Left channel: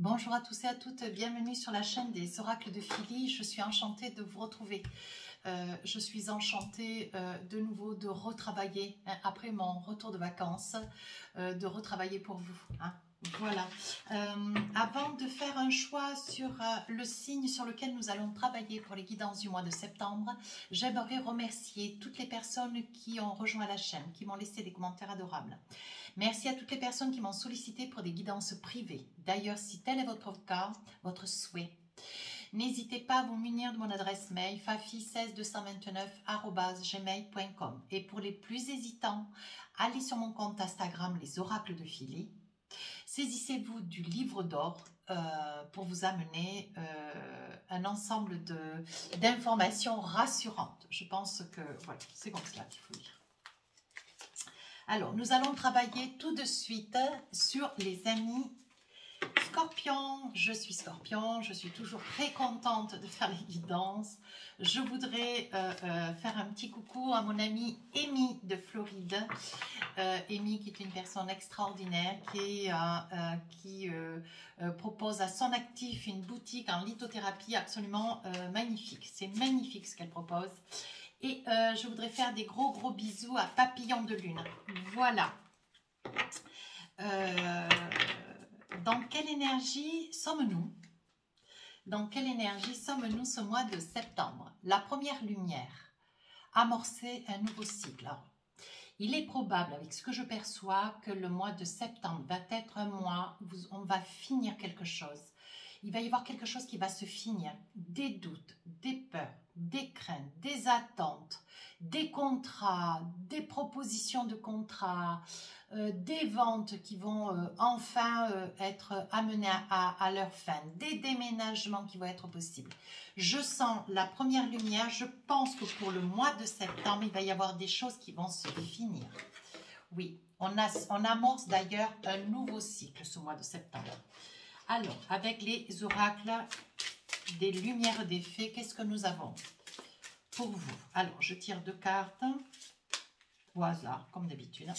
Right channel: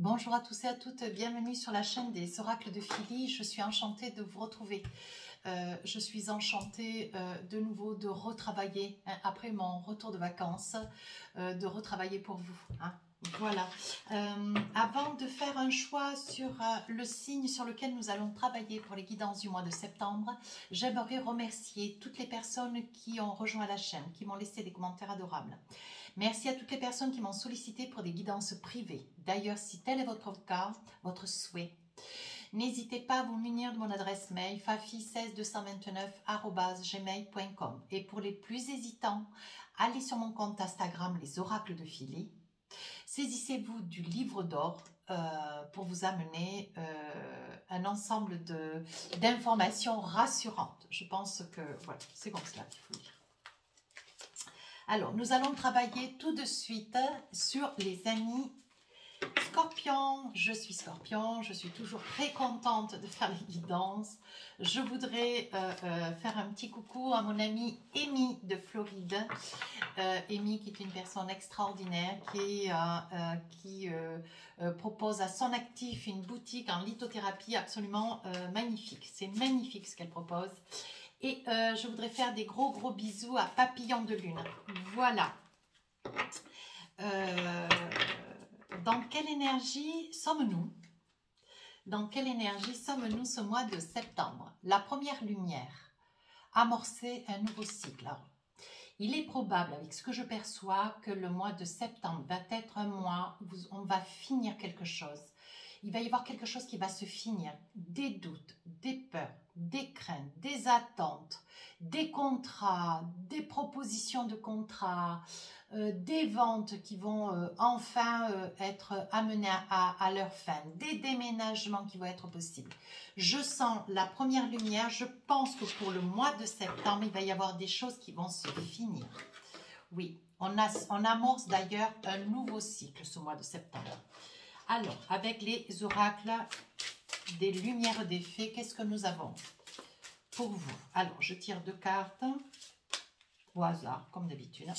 Bonjour à tous et à toutes, bienvenue sur la chaîne des oracles de Philly. Je suis enchantée de vous retrouver. Je suis enchantée de nouveau de retravailler, après mon retour de vacances, de retravailler pour vous. Voilà. Avant de faire un choix sur le signe sur lequel nous allons travailler pour les guidances du mois de septembre, j'aimerais remercier toutes les personnes qui ont rejoint la chaîne, qui m'ont laissé des commentaires adorables. Merci à toutes les personnes qui m'ont sollicité pour des guidances privées. D'ailleurs, si tel est votre cas, votre souhait, n'hésitez pas à vous munir de mon adresse mail fafi16229@gmail.com. Et pour les plus hésitants, allez sur mon compte Instagram Les Oracles de Philly. Saisissez-vous du livre d'or pour vous amener un ensemble d'informations rassurantes. Je pense que voilà, c'est comme cela qu'il faut lire. Alors, nous allons travailler tout de suite sur les amis Scorpion. Je suis Scorpion, je suis toujours très contente de faire les guidances. Je voudrais faire un petit coucou à mon amie Amy de Floride. Amy qui est une personne extraordinaire qui propose à son actif une boutique en lithothérapie absolument magnifique. C'est magnifique ce qu'elle propose. Et je voudrais faire des gros bisous à Papillon de Lune. Voilà. Dans quelle énergie sommes-nous? Dans quelle énergie sommes-nous ce mois de septembre? La première lumière. Amorcer un nouveau cycle. Alors, il est probable, avec ce que je perçois, que le mois de septembre va être un mois où on va finir quelque chose. Il va y avoir quelque chose qui va se finir, des doutes, des peurs, des craintes, des attentes, des contrats, des propositions de contrats, des ventes qui vont enfin être amenées à leur fin, des déménagements qui vont être possibles. Je sens la première lumière, je pense que pour le mois de septembre, il va y avoir des choses qui vont se finir. Oui, on amorce d'ailleurs un nouveau cycle ce mois de septembre. Alors, avec les oracles des lumières des fées, qu'est-ce que nous avons pour vous? Alors, je tire 2 cartes au hasard, comme d'habitude.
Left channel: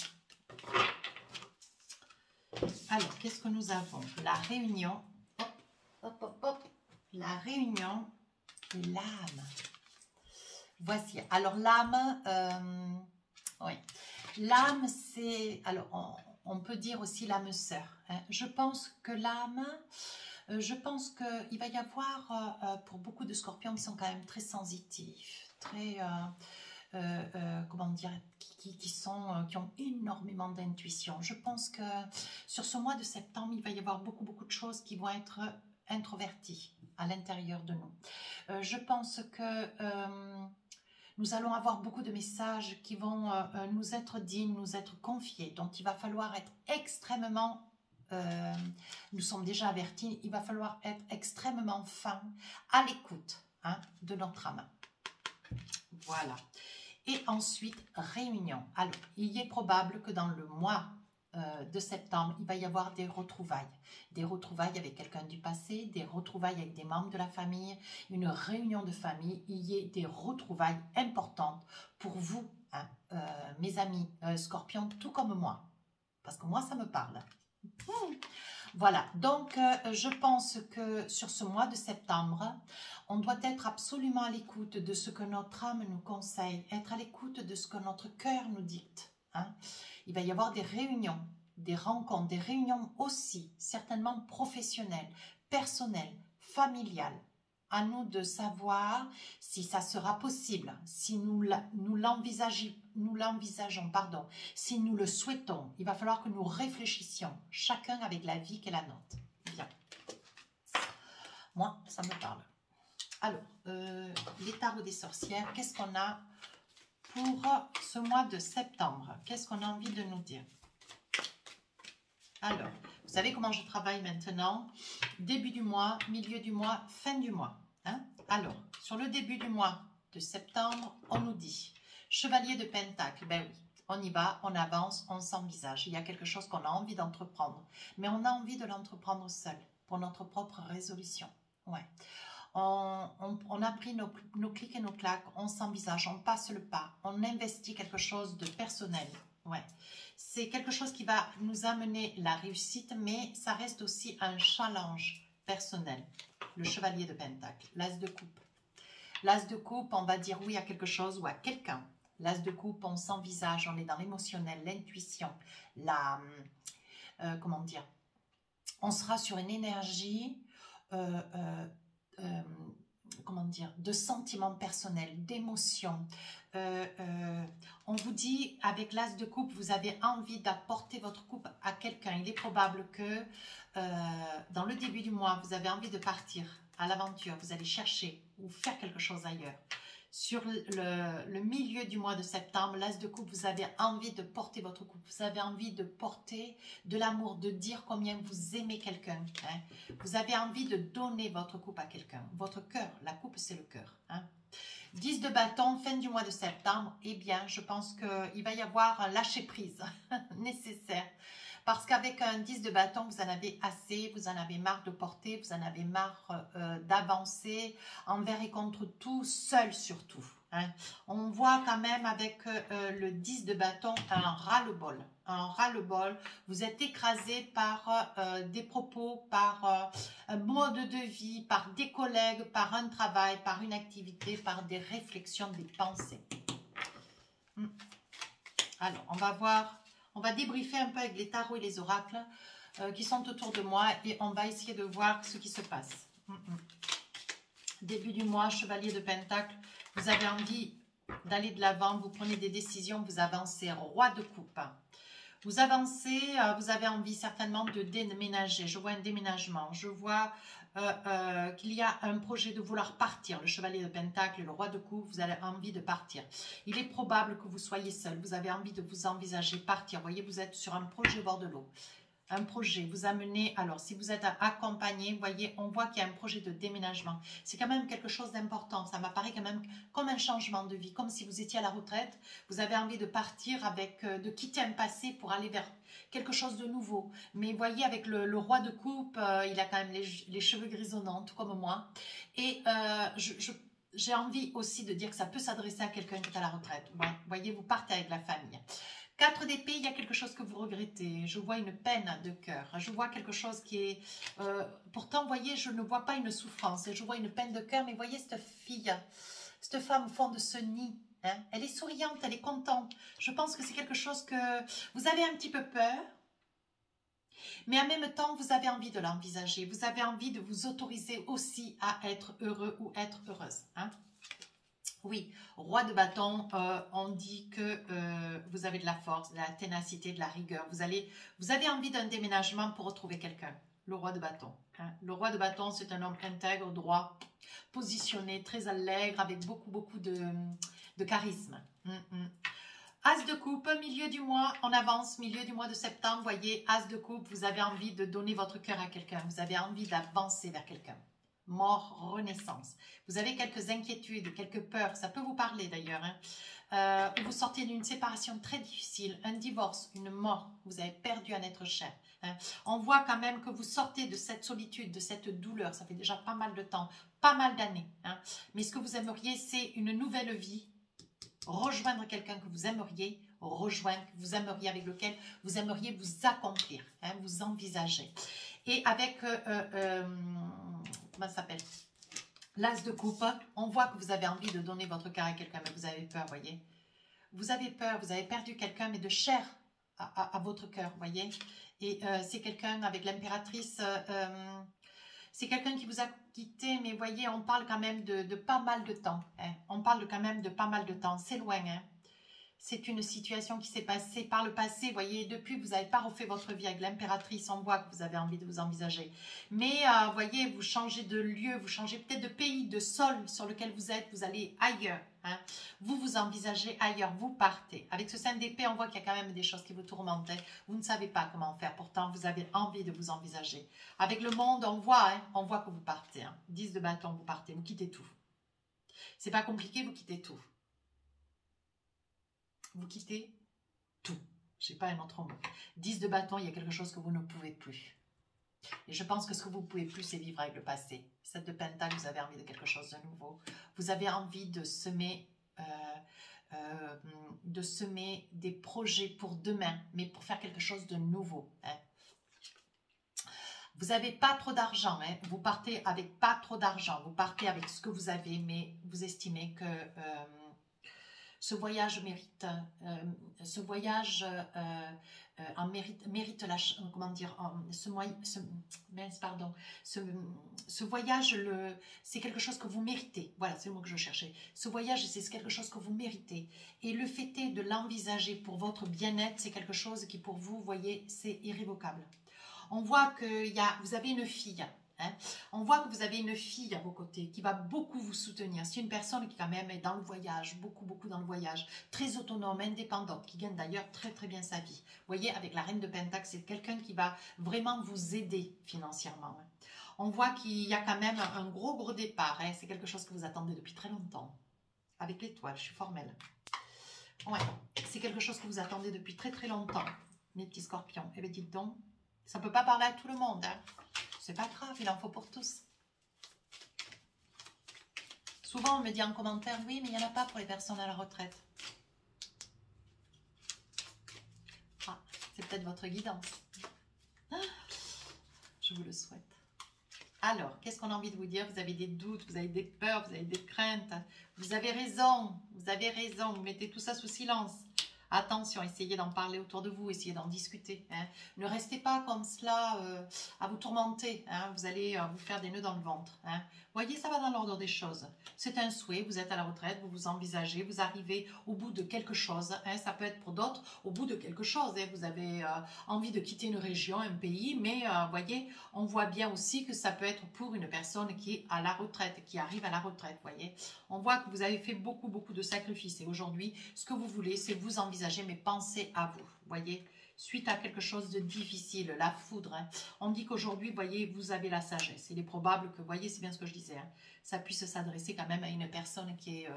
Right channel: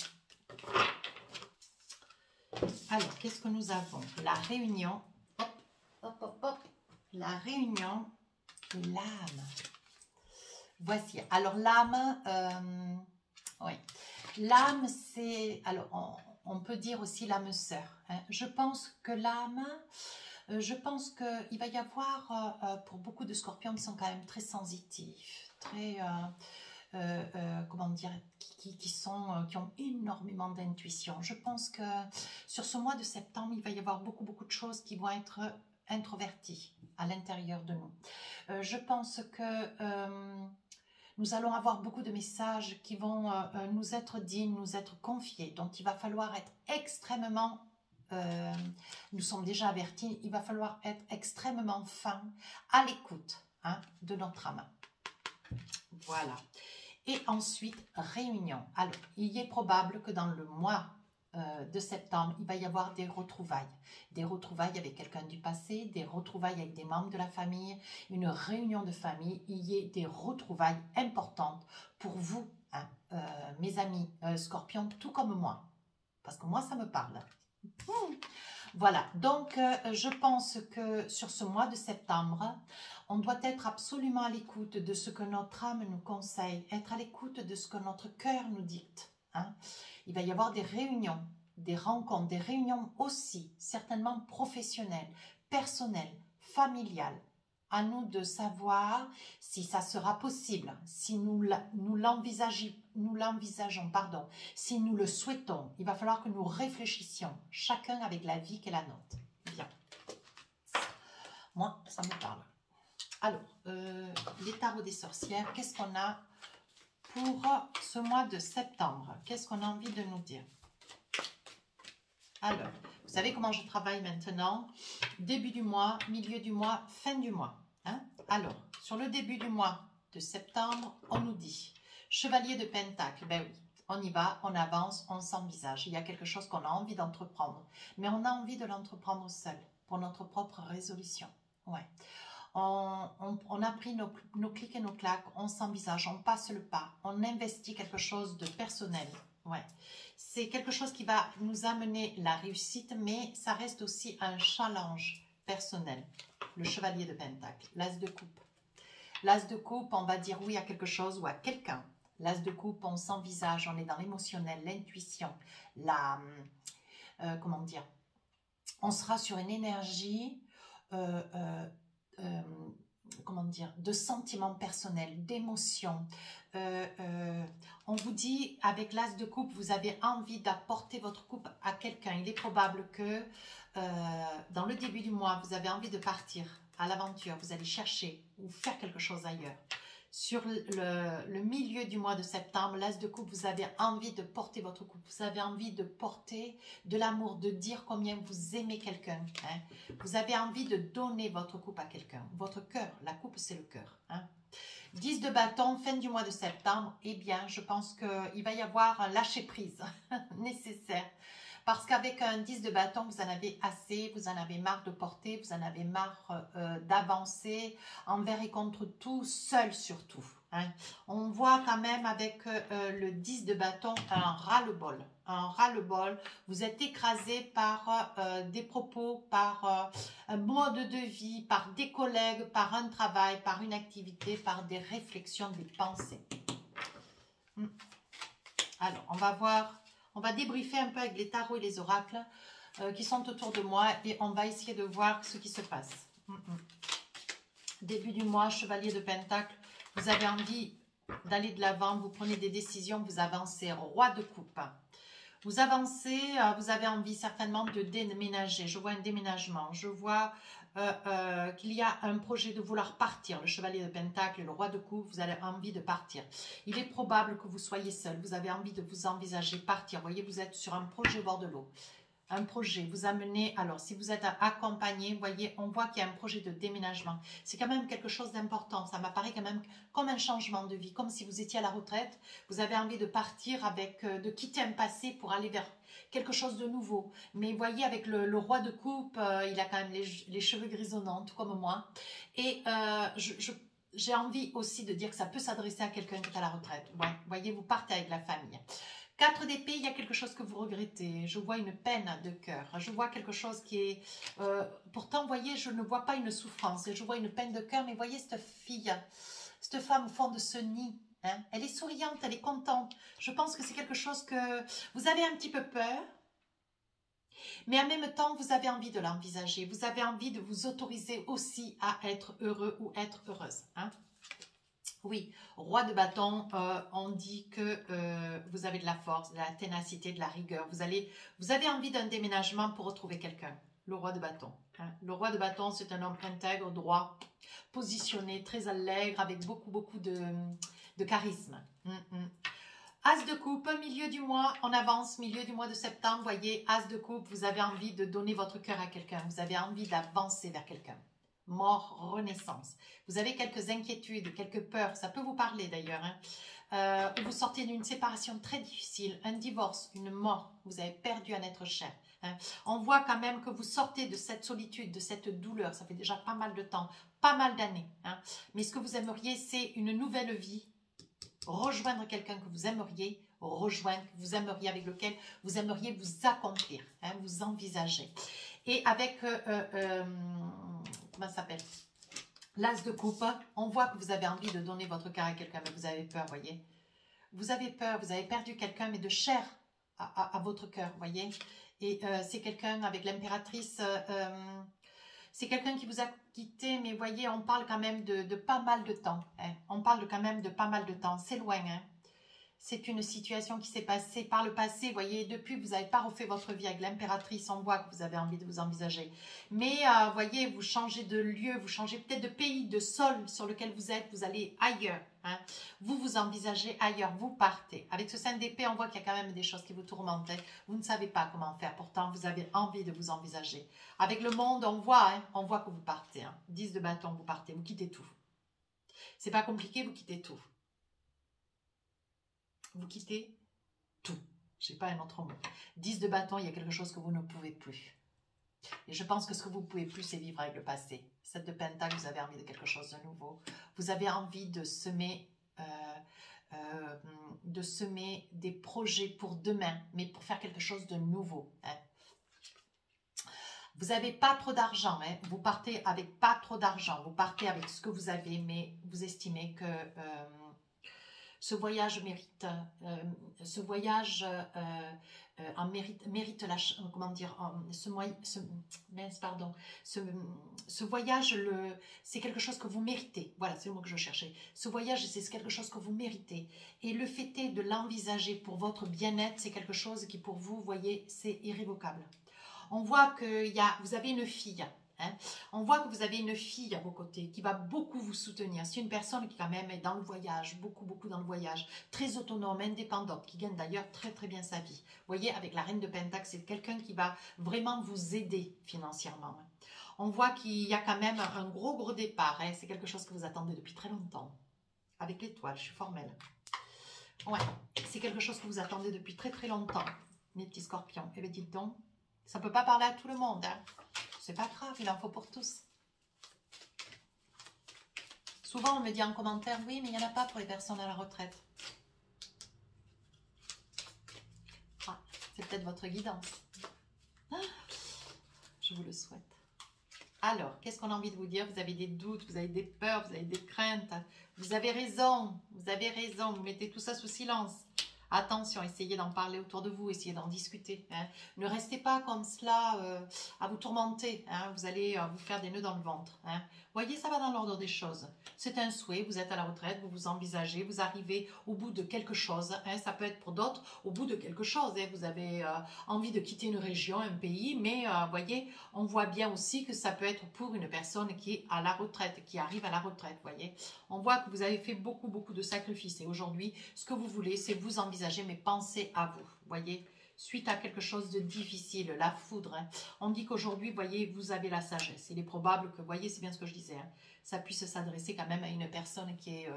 Alors, qu'est-ce que nous avons? La réunion. Hop. La réunion et l'âme. Voici. Alors, l'âme, oui. L'âme, c'est... Alors, on peut dire aussi l'âme sœur. Hein. Je pense que l'âme, il va y avoir, pour beaucoup de scorpions qui sont quand même très sensitifs, très, comment dire, qui ont énormément d'intuition. Je pense que sur ce mois de septembre, il va y avoir beaucoup de choses qui vont être introverties à l'intérieur de nous. Je pense que... nous allons avoir beaucoup de messages qui vont nous être dits, nous être confiés. Donc, il va falloir être extrêmement, nous sommes déjà avertis, il va falloir être extrêmement fin à l'écoute de notre âme. Voilà. Et ensuite, réunion. Alors, il est probable que dans le mois de septembre, il va y avoir des retrouvailles. Des retrouvailles avec quelqu'un du passé, des retrouvailles avec des membres de la famille, une réunion de famille. Il y ait des retrouvailles importantes pour vous, mes amis scorpions, tout comme moi. Parce que moi, ça me parle. Voilà, donc je pense que sur ce mois de septembre, on doit être absolument à l'écoute de ce que notre âme nous conseille, être à l'écoute de ce que notre cœur nous dicte. Il va y avoir des réunions, des rencontres, des réunions aussi, certainement professionnelles, personnelles, familiales. À nous de savoir si ça sera possible, si nous l'envisageons, si nous le souhaitons. Il va falloir que nous réfléchissions, chacun avec la vie qu'est la nôtre. Bien. Moi, ça me parle. Alors, les tarots des sorcières, qu'est-ce qu'on a pour ce mois de septembre? Qu'est-ce qu'on a envie de nous dire? Alors, vous savez comment je travaille maintenant? Début du mois, milieu du mois, fin du mois. Alors, sur le début du mois de septembre, on nous dit Chevalier de Pentacle. Ben oui, on y va, on avance, on s'envisage. Il y a quelque chose qu'on a envie d'entreprendre. Mais on a envie de l'entreprendre seul, pour notre propre résolution. Ouais. On a pris nos clics et nos claques, on s'envisage, on passe le pas, on investit quelque chose de personnel. Ouais. C'est quelque chose qui va nous amener la réussite, mais ça reste aussi un challenge personnel. Le chevalier de Pentacle, l'as de coupe. L'as de coupe, on va dire oui à quelque chose ou à quelqu'un. L'as de coupe, on s'envisage, on est dans l'émotionnel, l'intuition, comment dire, on sera sur une énergie, comment dire, de sentiments personnels, d'émotions. On vous dit, avec l'as de coupe, vous avez envie d'apporter votre coupe à quelqu'un. Il est probable que dans le début du mois, vous avez envie de partir à l'aventure, vous allez chercher ou faire quelque chose ailleurs. Sur le milieu du mois de septembre, l'as de coupe, vous avez envie de porter votre coupe, vous avez envie de porter de l'amour, de dire combien vous aimez quelqu'un. Hein. Vous avez envie de donner votre coupe à quelqu'un. Votre cœur, la coupe c'est le cœur. Hein. 10 de bâton, fin du mois de septembre, eh bien, je pense qu'il va y avoir un lâcher-prise nécessaire. Parce qu'avec un 10 de bâton, vous en avez assez, vous en avez marre de porter, vous en avez marre d'avancer envers et contre tout, seul surtout. Hein. On voit quand même avec le 10 de bâton un ras-le-bol. Un ras-le-bol, vous êtes écrasé par des propos, par un mode de vie, par des collègues, par un travail, par une activité, par des réflexions, des pensées. Alors, on va voir... On va débriefer un peu avec les tarots et les oracles qui sont autour de moi et on va essayer de voir ce qui se passe. Début du mois, chevalier de Pentacle, vous avez envie d'aller de l'avant, vous prenez des décisions, vous avancez, roi de coupe. Vous avancez, vous avez envie certainement de déménager. Je vois un déménagement, je vois qu'il y a un projet de vouloir partir. Le chevalier de Pentacle et le roi de coupe, vous avez envie de partir. Il est probable que vous soyez seul, vous avez envie de vous envisager partir. Vous voyez, vous êtes sur un projet au bord de l'eau. Un projet, vous amenez, alors si vous êtes accompagné, vous voyez, on voit qu'il y a un projet de déménagement. C'est quand même quelque chose d'important, ça m'apparaît quand même comme un changement de vie, comme si vous étiez à la retraite, vous avez envie de partir avec, de quitter un passé pour aller vers quelque chose de nouveau. Mais vous voyez, avec le roi de coupe, il a quand même les cheveux grisonnants, tout comme moi. Et j'ai envie aussi de dire que ça peut s'adresser à quelqu'un qui est à la retraite. Bon, vous voyez, vous partez avec la famille. 4 d'épée, il y a quelque chose que vous regrettez. Je vois une peine de cœur. Je vois quelque chose qui est... pourtant, vous voyez, je ne vois pas une souffrance. Je vois une peine de cœur. Mais vous voyez, cette fille, cette femme au fond de ce nid, hein, elle est souriante, elle est contente. Je pense que c'est quelque chose que vous avez un petit peu peur. Mais en même temps, vous avez envie de l'envisager. Vous avez envie de vous autoriser aussi à être heureux ou être heureuse. Hein. Oui, roi de bâton, on dit que vous avez de la force, de la ténacité, de la rigueur. Vous avez envie d'un déménagement pour retrouver quelqu'un. Le roi de bâton. Hein. Le roi de bâton, c'est un homme intègre, droit, positionné, très allègre, avec beaucoup de charisme. As de coupe, milieu du mois, on avance, milieu du mois de septembre, voyez, as de coupe, vous avez envie de donner votre cœur à quelqu'un. Vous avez envie d'avancer vers quelqu'un. Mort, renaissance. Vous avez quelques inquiétudes, quelques peurs, ça peut vous parler d'ailleurs. Hein. Vous sortez d'une séparation très difficile, un divorce, une mort, vous avez perdu un être cher. Hein. On voit quand même que vous sortez de cette solitude, de cette douleur, ça fait déjà pas mal de temps, pas mal d'années. Hein. Mais ce que vous aimeriez, c'est une nouvelle vie, rejoindre quelqu'un que vous aimeriez, rejoindre, que vous aimeriez, avec lequel vous aimeriez vous accomplir, hein, vous envisager. Et avec... comment ça s'appelle? L'as de coupe, on voit que vous avez envie de donner votre cœur à quelqu'un, mais vous avez peur, voyez. Vous avez peur, vous avez perdu quelqu'un, mais de chair à votre cœur, voyez. Et c'est quelqu'un avec l'impératrice, c'est quelqu'un qui vous a quitté, mais voyez, on parle quand même de pas mal de temps. Hein. On parle quand même de pas mal de temps, c'est loin, hein. C'est une situation qui s'est passée par le passé. Vous voyez, depuis, vous n'avez pas refait votre vie avec l'impératrice. On voit que vous avez envie de vous envisager. Mais, vous voyez, vous changez de lieu, vous changez peut-être de pays, de sol sur lequel vous êtes. Vous allez ailleurs. Hein. Vous vous envisagez ailleurs. Vous partez. Avec ce 5 d'épée, on voit qu'il y a quand même des choses qui vous tourmentent. Vous ne savez pas comment faire. Pourtant, vous avez envie de vous envisager. Avec le monde, on voit que vous partez. Hein. 10 de bâton, vous partez. Vous quittez tout. C'est pas compliqué, vous quittez tout. Vous quittez tout. Je n'ai pas un autre mot. 10 de bâton, il y a quelque chose que vous ne pouvez plus. Et je pense que ce que vous ne pouvez plus, c'est vivre avec le passé. 7 de pentacle, vous avez envie de quelque chose de nouveau. Vous avez envie de semer de semer des projets pour demain, mais pour faire quelque chose de nouveau. Hein. Vous n'avez pas trop d'argent, hein. Vous partez avec pas trop d'argent, vous partez avec ce que vous avez, mais vous estimez que ce voyage mérite, mérite la, comment dire, ce voyage, c'est quelque chose que vous méritez. Voilà, c'est le mot que je cherchais. Ce voyage, c'est quelque chose que vous méritez. Et le fait est de l'envisager pour votre bien-être, c'est quelque chose qui pour vous, vous voyez, c'est irrévocable. On voit que vous avez une fille. Hein. On voit que vous avez une fille à vos côtés qui va beaucoup vous soutenir. C'est une personne qui quand même est dans le voyage, beaucoup dans le voyage, très autonome, indépendante, qui gagne d'ailleurs très bien sa vie. Vous voyez, avec la reine de Pentacle, c'est quelqu'un qui va vraiment vous aider financièrement. Hein. On voit qu'il y a quand même un gros départ. Hein. C'est quelque chose que vous attendez depuis très longtemps. Avec l'étoile, je suis formelle. Ouais, c'est quelque chose que vous attendez depuis très longtemps, mes petits scorpions. Eh bien, dites donc, ça ne peut pas parler à tout le monde, hein. C'est pas grave, il en faut pour tous. Souvent, on me dit en commentaire, oui, mais il n'y en a pas pour les personnes à la retraite. Ah, c'est peut-être votre guidance. Ah, je vous le souhaite. Alors, qu'est-ce qu'on a envie de vous dire? Vous avez des doutes, vous avez des peurs, vous avez des craintes. Vous avez raison, vous mettez tout ça sous silence. Attention, essayez d'en parler autour de vous, essayez d'en discuter. Hein. Ne restez pas comme cela à vous tourmenter. Hein. Vous allez vous faire des nœuds dans le ventre. Hein. Voyez, ça va dans l'ordre des choses. C'est un souhait, vous êtes à la retraite, vous vous envisagez, vous arrivez au bout de quelque chose. Hein. Ça peut être pour d'autres au bout de quelque chose. Hein. Vous avez envie de quitter une région, un pays, mais voyez, on voit bien aussi que ça peut être pour une personne qui est à la retraite, qui arrive à la retraite. Voyez, on voit que vous avez fait beaucoup de sacrifices. Et aujourd'hui, ce que vous voulez, c'est vous envisager, mais pensez à vous. Voyez, suite à quelque chose de difficile, la foudre. Hein. On dit qu'aujourd'hui, voyez, vous avez la sagesse. Il est probable que, voyez, c'est bien ce que je disais, hein, ça puisse s'adresser quand même à une personne qui est,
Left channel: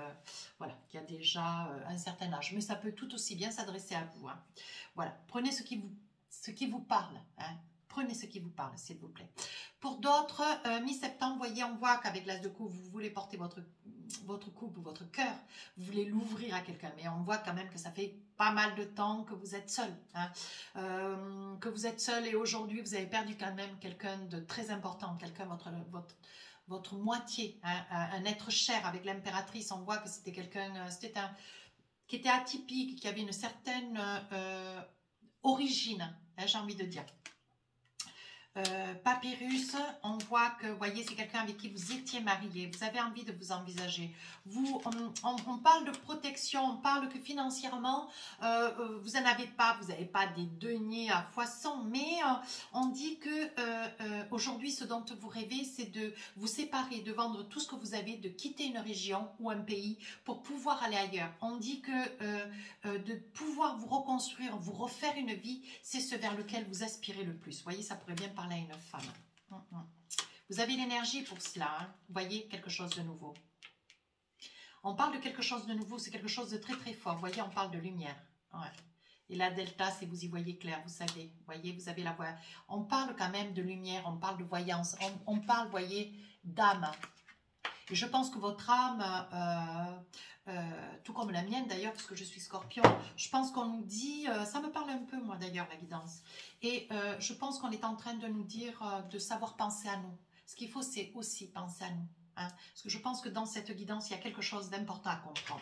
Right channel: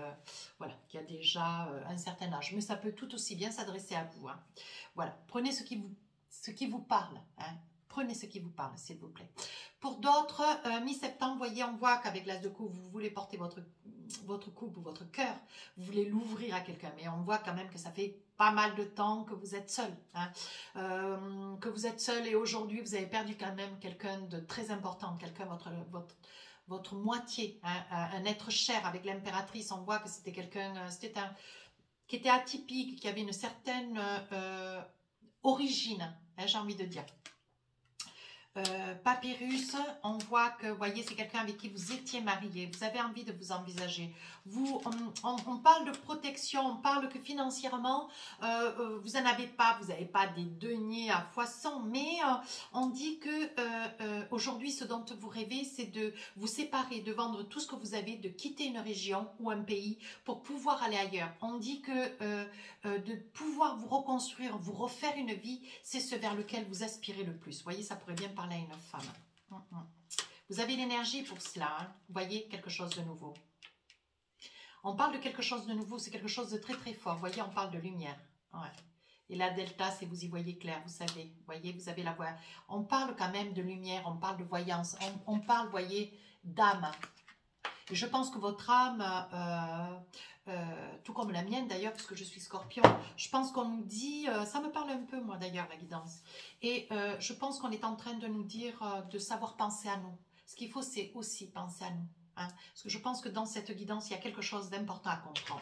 voilà, qui a déjà un certain âge. Mais ça peut tout aussi bien s'adresser à vous. Hein. Voilà, prenez ce qui vous parle. Hein. Prenez ce qui vous parle, s'il vous plaît. Pour d'autres, mi-septembre, voyez, on voit qu'avec l'as de coupe, vous voulez porter votre coupe ou votre cœur, vous voulez l'ouvrir à quelqu'un, mais on voit quand même que ça fait pas mal de temps que vous êtes seul, hein, que vous êtes seul et aujourd'hui, vous avez perdu quand même quelqu'un de très important, quelqu'un, votre moitié, hein, un être cher. Avec l'impératrice, on voit que c'était quelqu'un, qui était atypique, qui avait une certaine origine, hein, j'ai envie de dire. Papyrus, on voit que, vous voyez, c'est quelqu'un avec qui vous étiez marié, vous avez envie de vous envisager. On parle de protection, on parle que financièrement, vous n'en avez pas, vous n'avez pas des deniers à foison, mais on dit que aujourd'hui, ce dont vous rêvez, c'est de vous séparer, de vendre tout ce que vous avez, de quitter une région ou un pays pour pouvoir aller ailleurs. On dit que de pouvoir vous reconstruire, vous refaire une vie, c'est ce vers lequel vous aspirez le plus. Vous voyez, ça pourrait bien parler à une femme. Vous avez l'énergie pour cela. Hein. Vous voyez, quelque chose de nouveau. On parle de quelque chose de nouveau, c'est quelque chose de très fort. Vous voyez, on parle de lumière. Ouais. Et la delta, c'est vous y voyez clair, vous savez. Vous voyez, vous avez la voix. On parle quand même de lumière, on parle de voyance. On parle, vous voyez, d'âme. Et je pense que votre âme, tout comme la mienne d'ailleurs, parce que je suis scorpion, je pense qu'on nous dit, ça me parle un peu moi d'ailleurs la guidance, et je pense qu'on est en train de nous dire de savoir penser à nous. Ce qu'il faut, c'est aussi penser à nous. Hein, parce que je pense que dans cette guidance, il y a quelque chose d'important à comprendre.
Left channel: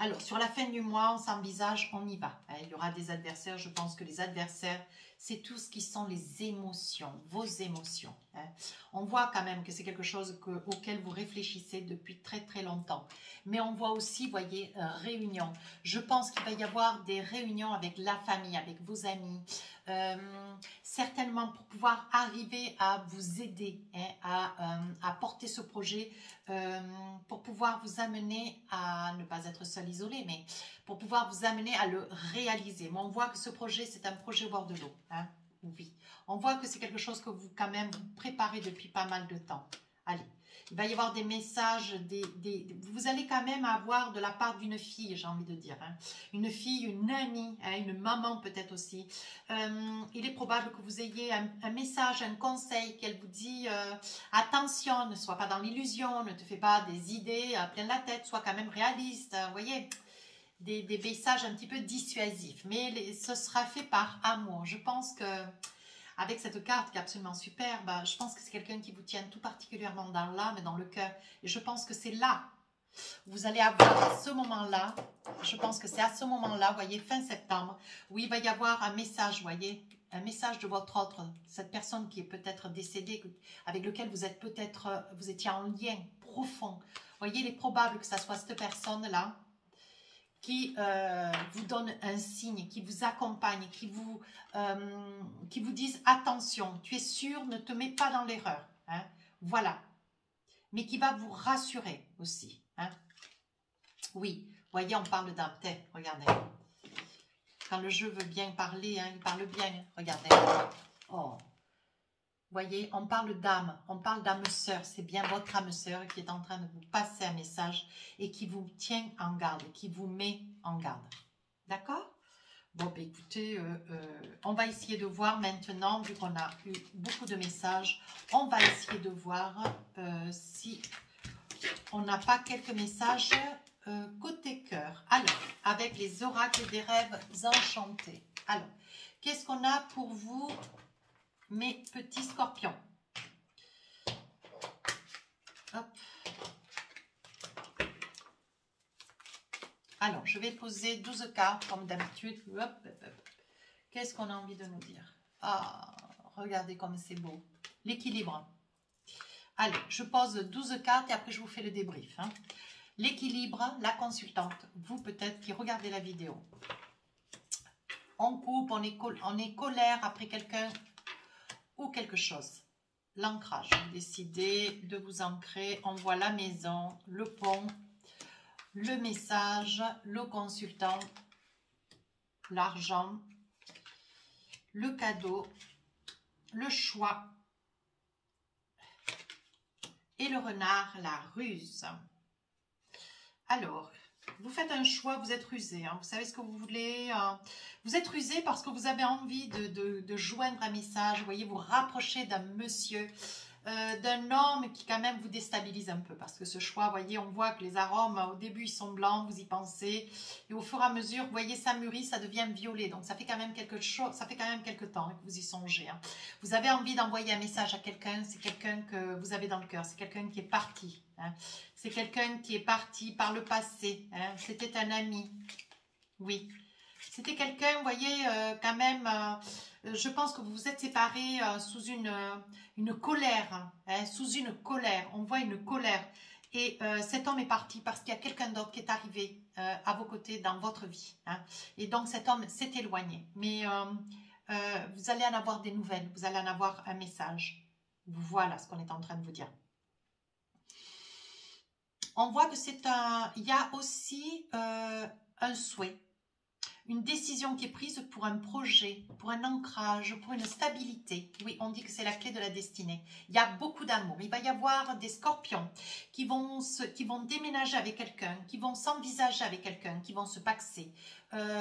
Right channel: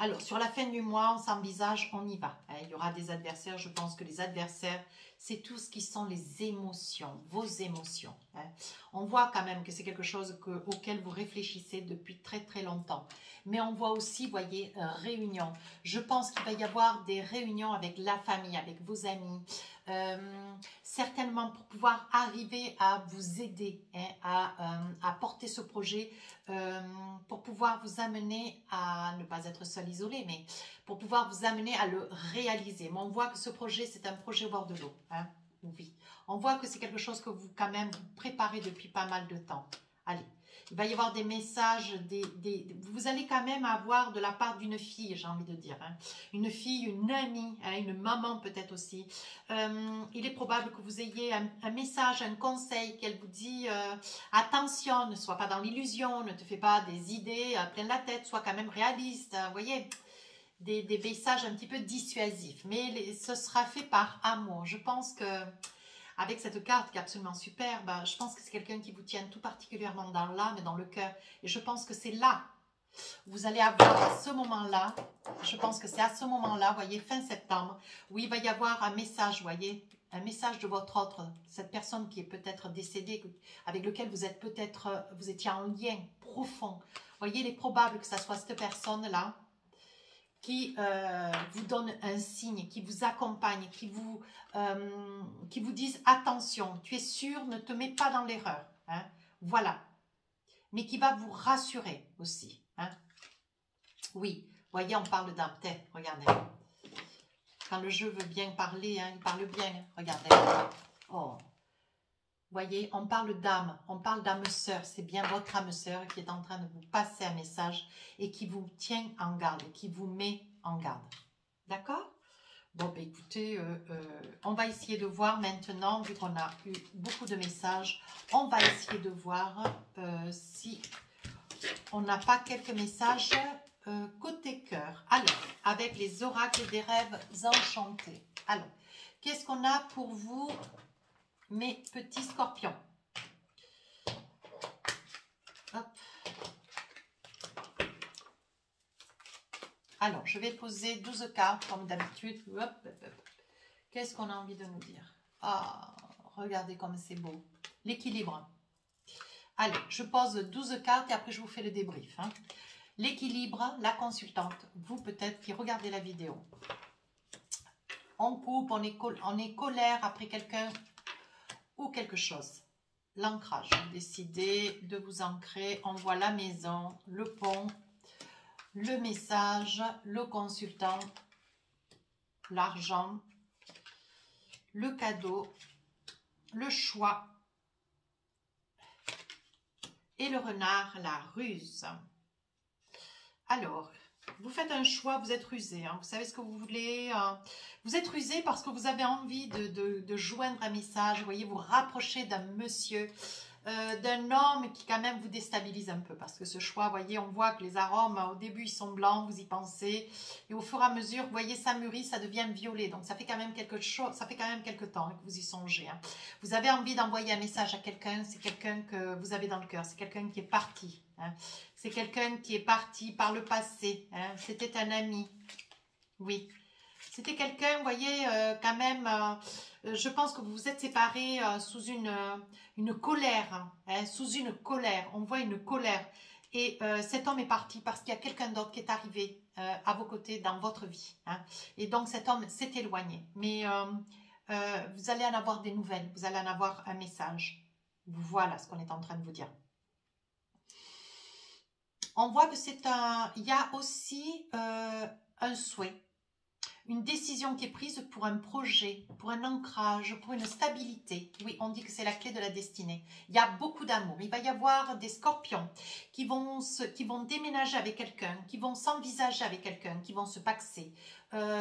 Alors, sur la fin du mois, on s'envisage, on y va. Hein, il y aura des adversaires. Je pense que les adversaires, c'est tout ce qui sont les émotions, vos émotions. Hein. On voit quand même que c'est quelque chose auquel vous réfléchissez depuis très longtemps. Mais on voit aussi, vous voyez, réunions. Je pense qu'il va y avoir des réunions avec la famille, avec vos amis. Certainement pour pouvoir arriver à vous aider, hein, à porter ce projet, pour pouvoir vous amener à ne pas être seul, isolé, mais pour pouvoir vous amener à le réaliser. Mais on voit que ce projet, c'est un projet au bord de l'eau. Hein, oui. On voit que c'est quelque chose que vous, quand même, vous préparez depuis pas mal de temps. Allez, Il va y avoir des messages, vous allez quand même avoir de la part d'une fille, j'ai envie de dire. Hein. Une fille, une amie, hein, une maman peut-être aussi. Il est probable que vous ayez un message, un conseil qu'elle vous dit attention, ne sois pas dans l'illusion, ne te fais pas des idées plein la tête, sois quand même réaliste. Vous voyez, des messages un petit peu dissuasifs. Mais ce sera fait par amour. Je pense que avec cette carte qui est absolument superbe, je pense que c'est quelqu'un qui vous tient tout particulièrement dans l'âme et dans le cœur. Et je pense que c'est là, vous allez avoir à ce moment-là, je pense que c'est à ce moment-là, vous voyez, fin septembre, où il va y avoir un message, vous voyez, un message de votre autre, cette personne qui est peut-être décédée, avec lequel vous êtes peut-être, vous étiez en lien profond. Vous voyez, il est probable que ça soit cette personne-là qui vous donne un signe, qui vous accompagne, qui vous dise attention, tu es sûr, ne te mets pas dans l'erreur. Hein, voilà. Mais qui va vous rassurer aussi. Hein. Oui, voyez, on parle d'âme. Regardez. Quand le jeu veut bien parler, hein, il parle bien. Regardez. Oh. Voyez, on parle d'âme, on parle d'âme sœur. C'est bien votre âme sœur qui est en train de vous passer un message et qui vous tient en garde, qui vous met en garde. D'accord? Bon, ben écoutez, on va essayer de voir maintenant, vu qu'on a eu beaucoup de messages, on va essayer de voir si on n'a pas quelques messages côté cœur. Alors, avec les oracles des rêves enchantés. Alors, qu'est-ce qu'on a pour vous, mes petits scorpions? Hop. Alors, je vais poser 12 cartes comme d'habitude. Qu'est-ce qu'on a envie de nous dire? Ah, regardez comme c'est beau. L'équilibre. Allez, je pose 12 cartes et après je vous fais le débrief. Hein. L'équilibre, la consultante, vous peut-être qui regardez la vidéo. On coupe, on est colère après quelqu'un ou quelque chose. L'ancrage, vous décidez de vous ancrer. On voit la maison, le pont, le message, le consultant, l'argent, le cadeau, le choix et le renard, la ruse. Alors, vous faites un choix, vous êtes rusé, hein, vous savez ce que vous voulez. Vous êtes rusé parce que vous avez envie de joindre un message, vous voyez, vous rapprocher d'un monsieur, d'un homme qui quand même vous déstabilise un peu. Parce que ce choix, vous voyez, on voit que les arômes, au début, ils sont blancs, vous y pensez. Et au fur et à mesure, vous voyez, ça mûrit, ça devient violet. Donc, ça fait quand même quelque chose, ça fait quand même quelque temps que vous y songez. Hein. Vous avez envie d'envoyer un message à quelqu'un, c'est quelqu'un que vous avez dans le cœur, c'est quelqu'un qui est parti. Hein. C'est quelqu'un qui est parti par le passé. Hein. C'était un ami. Oui. C'était quelqu'un, vous voyez, quand même, je pense que vous vous êtes séparés sous une colère. Hein, sous une colère. On voit une colère. Et cet homme est parti parce qu'il y a quelqu'un d'autre qui est arrivé à vos côtés dans votre vie. Hein. Et donc cet homme s'est éloigné. Mais vous allez en avoir des nouvelles. Vous allez en avoir un message. Voilà ce qu'on est en train de vous dire. On voit que c'est il y a aussi un souhait, une décision qui est prise pour un projet, pour un ancrage, pour une stabilité. Oui, on dit que c'est la clé de la destinée. Il y a beaucoup d'amour. Il va y avoir des scorpions qui vont déménager avec quelqu'un, qui vont s'envisager avec quelqu'un, qui vont se paxer.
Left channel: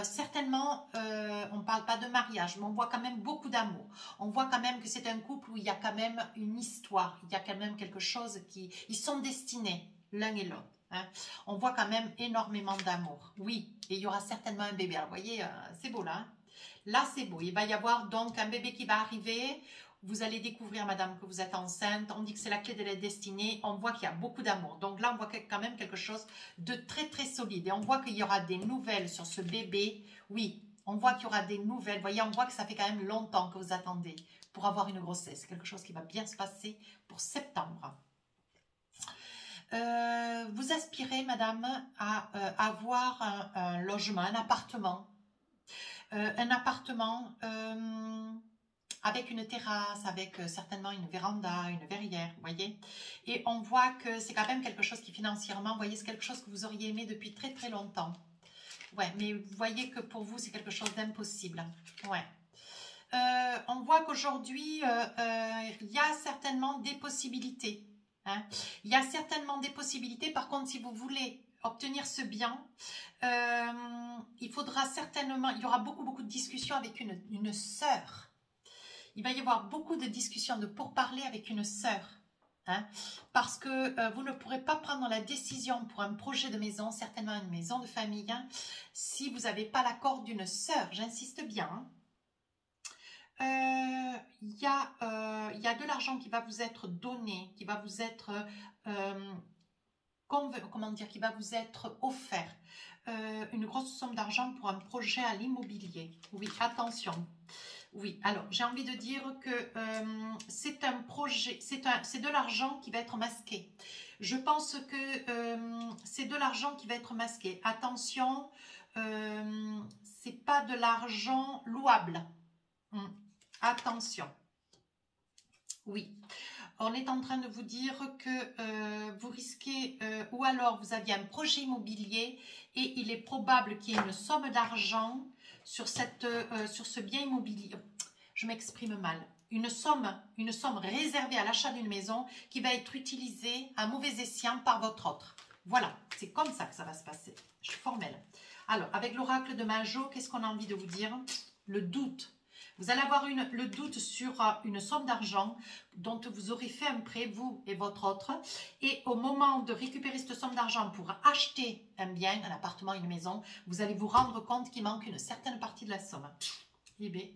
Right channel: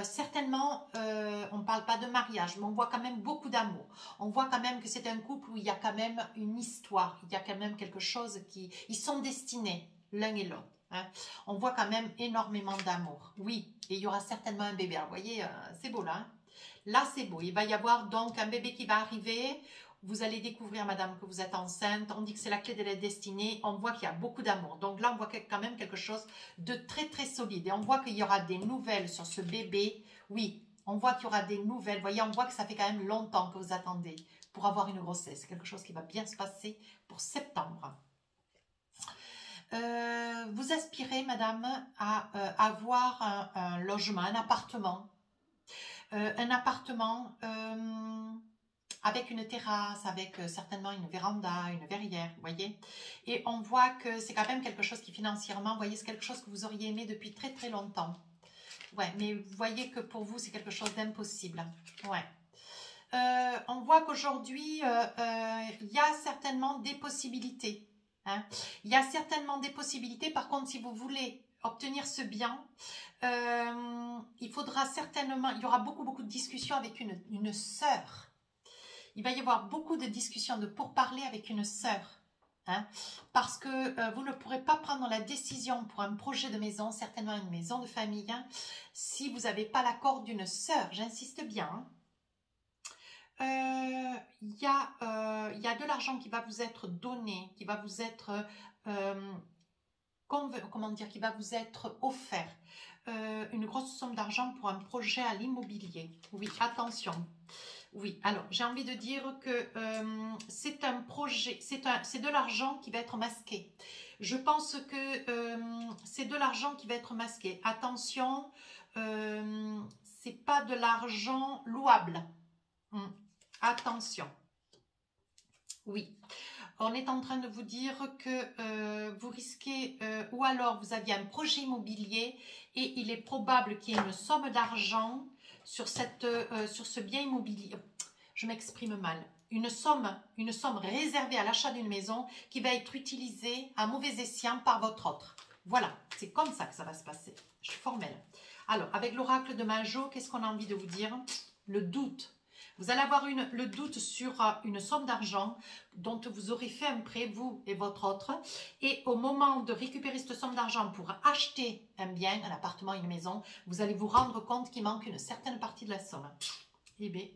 Certainement, on ne parle pas de mariage, mais on voit quand même beaucoup d'amour. On voit quand même que c'est un couple où il y a quand même une histoire. Il y a quand même quelque chose qui... Ils sont destinés l'un et l'autre. Hein. On voit quand même énormément d'amour. Oui, et il y aura certainement un bébé. Vous voyez, c'est beau là. Hein. Là, c'est beau. Il va y avoir donc un bébé qui va arriver. Vous allez découvrir, madame, que vous êtes enceinte. On dit que c'est la clé de la destinée. On voit qu'il y a beaucoup d'amour. Donc là, on voit quand même quelque chose de très, très solide. Et on voit qu'il y aura des nouvelles sur ce bébé. Oui, on voit qu'il y aura des nouvelles. Vous voyez, on voit que ça fait quand même longtemps que vous attendez pour avoir une grossesse. C'est quelque chose qui va bien se passer pour septembre. Vous aspirez, madame, à avoir un logement, un appartement avec une terrasse, avec certainement une véranda, une verrière, vous voyez. Et on voit que c'est quand même quelque chose qui financièrement, vous voyez, c'est quelque chose que vous auriez aimé depuis très très longtemps. Ouais, mais vous voyez que pour vous, c'est quelque chose d'impossible. Ouais. On voit qu'aujourd'hui, il y a certainement des possibilités. Hein. Il y a certainement des possibilités. Par contre, si vous voulez obtenir ce bien, il faudra certainement, il y aura beaucoup de discussions avec une sœur. Il va y avoir beaucoup de discussions de pourparlers avec une sœur. Hein, parce que vous ne pourrez pas prendre la décision pour un projet de maison, certainement une maison de famille, hein, si vous n'avez pas l'accord d'une sœur, j'insiste bien. Il y a de l'argent qui va vous être donné, qui va vous être, comment dire, qui va vous être offert. Une grosse somme d'argent pour un projet à l'immobilier. Oui, attention. Oui, alors j'ai envie de dire que c'est un projet, c'est de l'argent qui va être masqué. Je pense que c'est de l'argent qui va être masqué. Attention, c'est pas de l'argent louable. Attention. Oui, on est en train de vous dire que vous risquez, ou alors vous aviez un projet immobilier et il est probable qu'il y ait une somme d'argent sur ce bien immobilier. Je m'exprime mal. Une somme réservée à l'achat d'une maison qui va être utilisée à mauvais escient par votre autre. Voilà, c'est comme ça que ça va se passer. Je suis formelle. Alors, avec l'oracle de Majo, qu'est-ce qu'on a envie de vous dire? Le doute. Vous allez avoir le doute sur une somme d'argent dont vous aurez fait un prêt, vous et votre autre. Et au moment de récupérer cette somme d'argent pour acheter un bien, un appartement, une maison, vous allez vous rendre compte qu'il manque une certaine partie de la somme. Eh bien,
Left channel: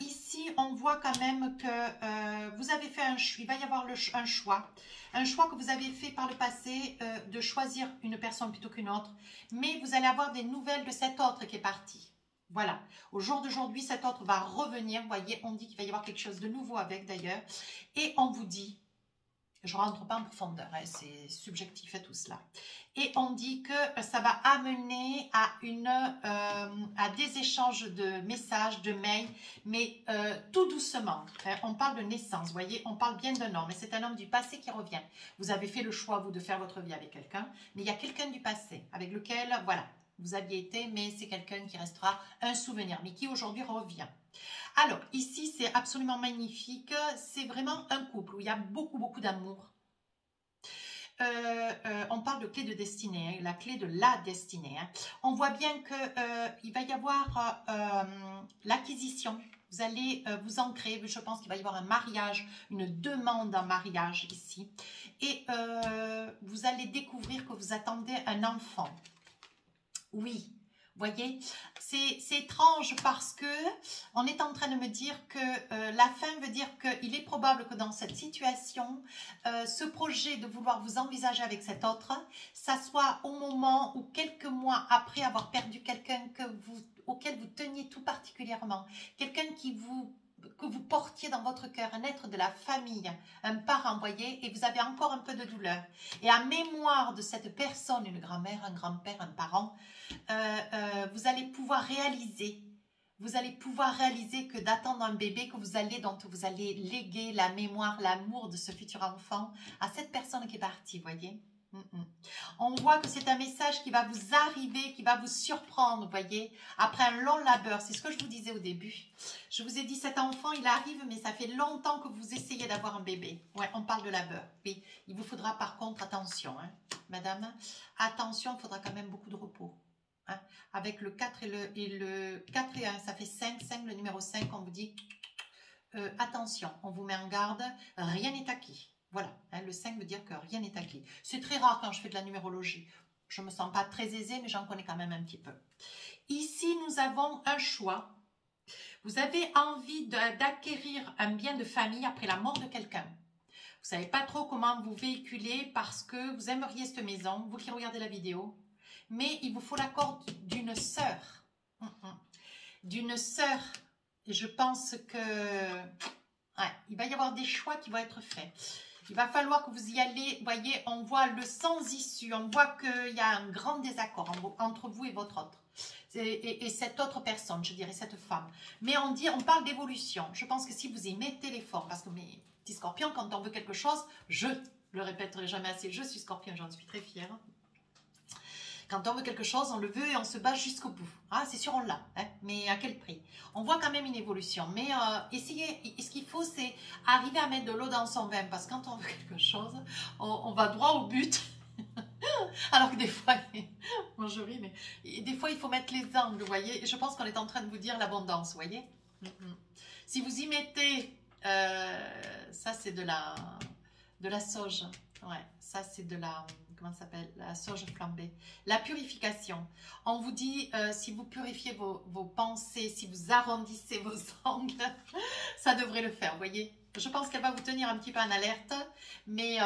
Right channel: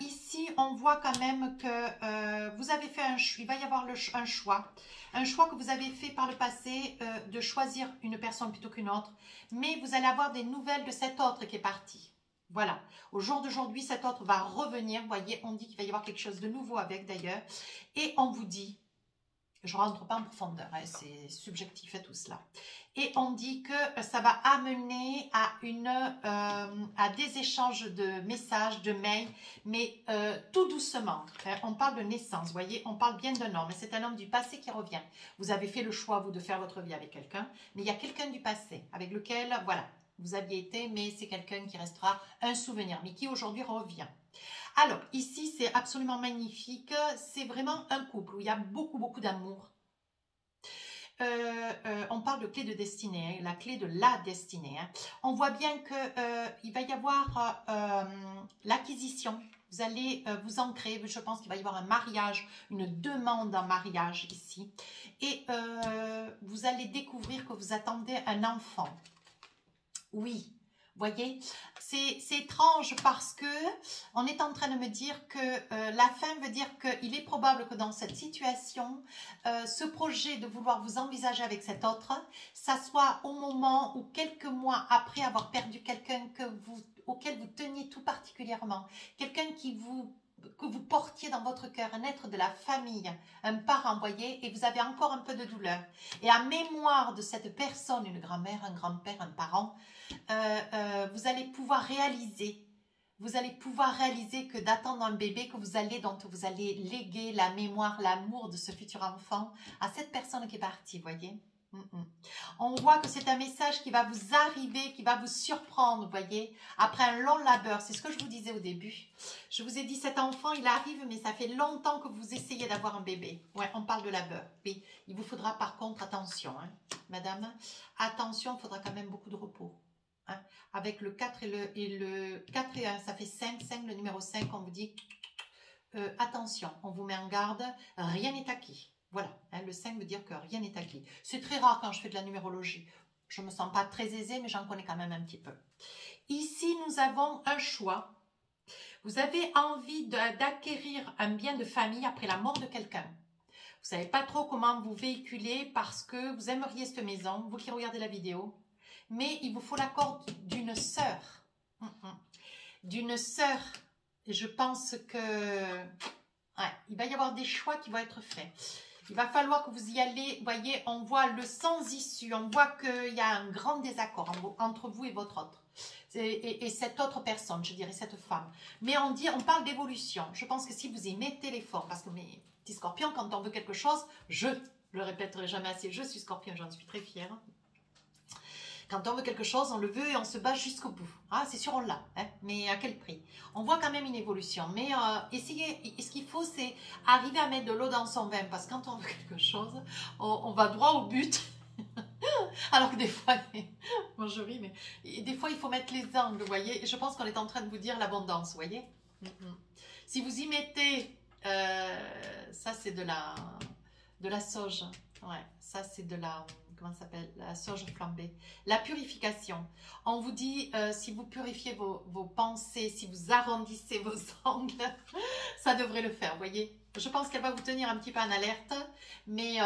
ici, on voit quand même que vous avez fait il va y avoir un choix. Un choix que vous avez fait par le passé de choisir une personne plutôt qu'une autre. Mais vous allez avoir des nouvelles de cet autre qui est parti. Voilà, au jour d'aujourd'hui, cet autre va revenir. Vous voyez, on dit qu'il va y avoir quelque chose de nouveau avec d'ailleurs. Et on vous dit, je ne rentre pas en profondeur, hein, c'est subjectif et tout cela. Et on dit que ça va amener à des échanges de messages, de mails, mais tout doucement. Hein, on parle de naissance, vous voyez, on parle bien d'un homme. Et c'est un homme du passé qui revient. Vous avez fait le choix, vous, de faire votre vie avec quelqu'un, mais il y a quelqu'un du passé avec lequel, voilà, vous aviez été, mais c'est quelqu'un qui restera un souvenir, mais qui aujourd'hui revient. Alors, ici, c'est absolument magnifique. C'est vraiment un couple où il y a beaucoup d'amour. On parle de clé de destinée, hein, la clé de la destinée. Hein. On voit bien qu'il va y avoir l'acquisition. Vous allez vous ancrer. Je pense qu'il va y avoir un mariage, une demande en mariage ici. Et vous allez découvrir que vous attendez un enfant. Oui, vous voyez, c'est étrange parce que on est en train de me dire que la fin veut dire qu'il est probable que dans cette situation, ce projet de vouloir vous envisager avec cet autre, ça soit au moment ou quelques mois après avoir perdu quelqu'un auquel vous teniez tout particulièrement, quelqu'un que vous portiez dans votre cœur, un être de la famille, un parent, voyez, et vous avez encore un peu de douleur. Et à mémoire de cette personne, une grand-mère, un grand-père, un parent, vous allez pouvoir réaliser que d'attendre un bébé dont vous allez léguer la mémoire, l'amour de ce futur enfant à cette personne qui est partie, voyez. On voit que c'est un message qui va vous arriver, qui va vous surprendre, vous voyez, après un long labeur. C'est ce que je vous disais au début. Je vous ai dit, cet enfant, il arrive, mais ça fait longtemps que vous essayez d'avoir un bébé. Ouais, on parle de labeur. Mais il vous faudra par contre, attention, hein, madame, attention, il faudra quand même beaucoup de repos. Hein. Avec le 4 et le 4 et 1, ça fait 5, le numéro 5, on vous dit, attention, on vous met en garde, rien n'est acquis. Voilà, hein, le 5 veut dire que rien n'est acquis. C'est très rare quand je fais de la numérologie. Je ne me sens pas très aisée, mais j'en connais quand même un petit peu. Ici, nous avons un choix. Vous avez envie d'acquérir un bien de famille après la mort de quelqu'un. Vous ne savez pas trop comment vous véhiculer parce que vous aimeriez cette maison, vous qui regardez la vidéo. Mais il vous faut l'accord d'une sœur. D'une sœur. Et je pense que ouais, il va y avoir des choix qui vont être faits. Il va falloir que vous y allez. Vous voyez, on voit le sans issue. On voit qu'il y a un grand désaccord entre vous et votre autre. Et cette autre personne, je dirais cette femme. Mais on parle d'évolution. Je pense que si vous y mettez l'effort, parce que mes petits scorpions, quand on veut quelque chose, je le répéterai jamais assez, je suis scorpion, j'en suis très fière. Quand on veut quelque chose, on le veut et on se bat jusqu'au bout. Ah, c'est sûr, on l'a, hein, mais à quel prix? On voit quand même une évolution. Mais ce qu'il faut, c'est arriver à mettre de l'eau dans son vin. Parce que quand on veut quelque chose, on va droit au but. Alors que des fois, moi je ris, mais des fois, il faut mettre les angles, vous voyez. Et je pense qu'on est en train de vous dire l'abondance, vous voyez. Si vous y mettez, ça c'est de la sauge. Ouais, ça c'est de la, comment ça s'appelle? La sauge flambée. La purification. On vous dit, si vous purifiez vos pensées, si vous arrondissez vos angles, ça devrait le faire, vous voyez. Je pense qu'elle va vous tenir un petit peu en alerte, mais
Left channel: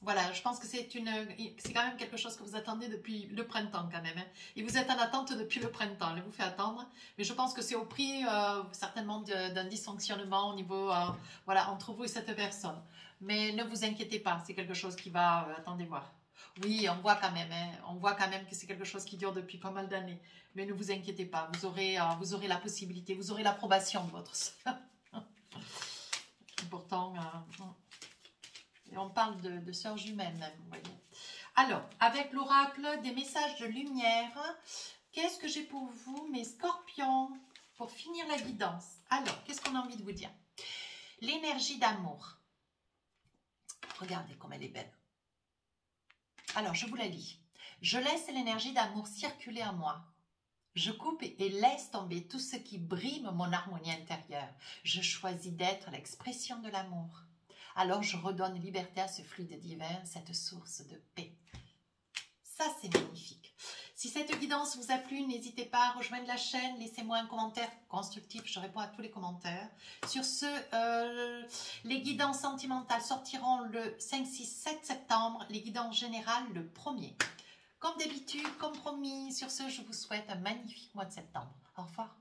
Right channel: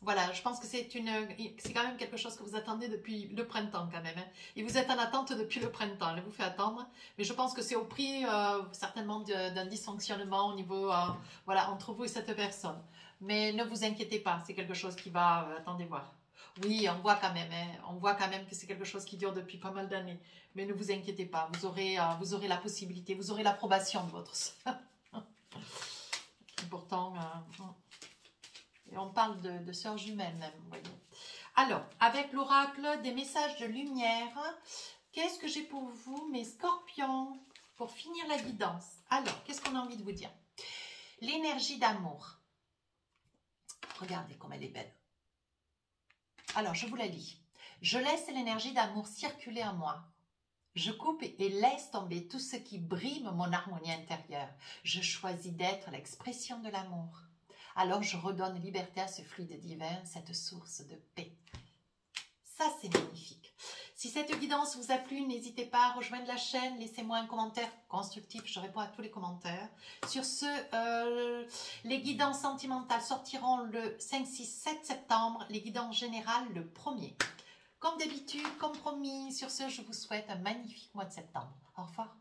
voilà, je pense que c'est quand même quelque chose que vous attendez depuis le printemps quand même. Hein. Et vous êtes en attente depuis le printemps, elle vous fait attendre. Mais je pense que c'est au prix certainement d'un dysfonctionnement au niveau, voilà, entre vous et cette personne. Mais ne vous inquiétez pas, c'est quelque chose qui va, attendez voir. Oui, on voit quand même, hein, on voit quand même que c'est quelque chose qui dure depuis pas mal d'années. Mais ne vous inquiétez pas, vous aurez la possibilité, vous aurez l'approbation de votre soeur. Pourtant, et on parle de sœurs jumelles même, vous voyez. Alors, avec l'oracle des messages de lumière, qu'est-ce que j'ai pour vous, mes scorpions, pour finir la guidance? Alors, qu'est-ce qu'on a envie de vous dire? L'énergie d'amour. Regardez comme elle est belle. Alors, je vous la lis. Je laisse l'énergie d'amour circuler en moi. Je coupe et laisse tomber tout ce qui brime mon harmonie intérieure. Je choisis d'être l'expression de l'amour. Alors je redonne liberté à ce fluide divin, cette source de paix. Ça, c'est magnifique. Si cette guidance vous a plu, n'hésitez pas à rejoindre la chaîne. Laissez-moi un commentaire constructif, je réponds à tous les commentaires. Sur ce, les guidances sentimentales sortiront le 5, 6, 7 septembre. Les guidances générales le 1er. Comme d'habitude, comme promis, sur ce, je vous souhaite un magnifique mois de septembre. Au revoir.